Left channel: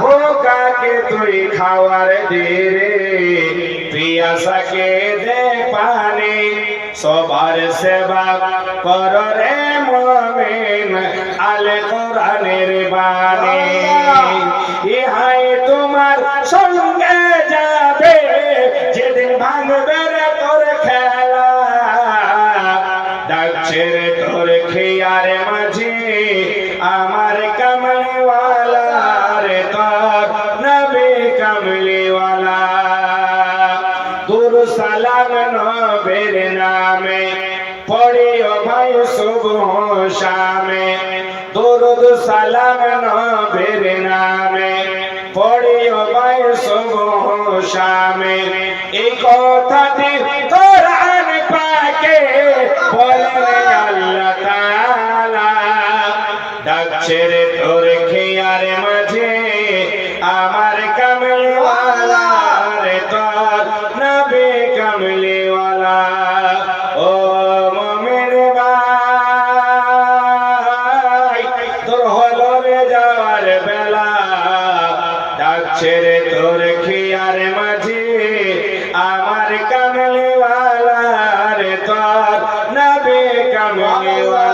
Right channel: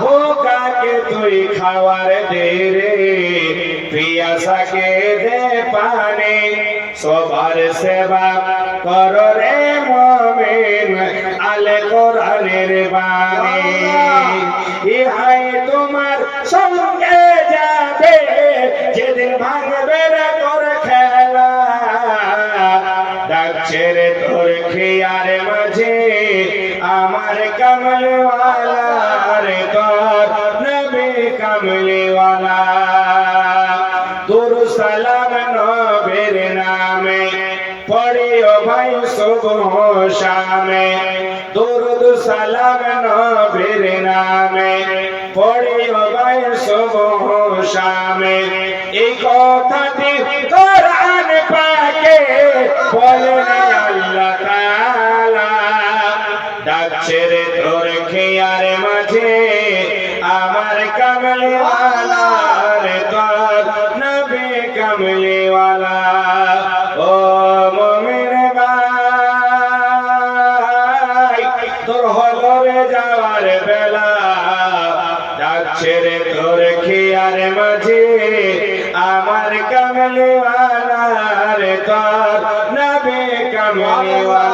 ভোকাকে তুই খাওয়ার দে রে পিয়াসাকে দে পানি। সবার সেবা কর রে মমিন, আলে কোরআনের বাণী। ইহাই তোমার সঙ্গে যাবে, যেদিন ভাঙবে রে তোর খেলা। ডাকছে রে তোর খেয়ার মাঝে কমলিওয়ালা দুর সালাম নবীর নামে, পড়িও ভাই শুভ শামে। দুরুদ সালাম নবীর নামে, পড়িও ভাই শুভ শামে। এই কথাটি কোরআন পাকে বলেন আল্লাহ তাআলা। ডাকছে তোর খেয়ার মাঝে। কামলিওয়ালা ও ডাকছে রে মাঝে। আমার কামলিওয়ালা রে তোর নাবে কামলিওয়ালা।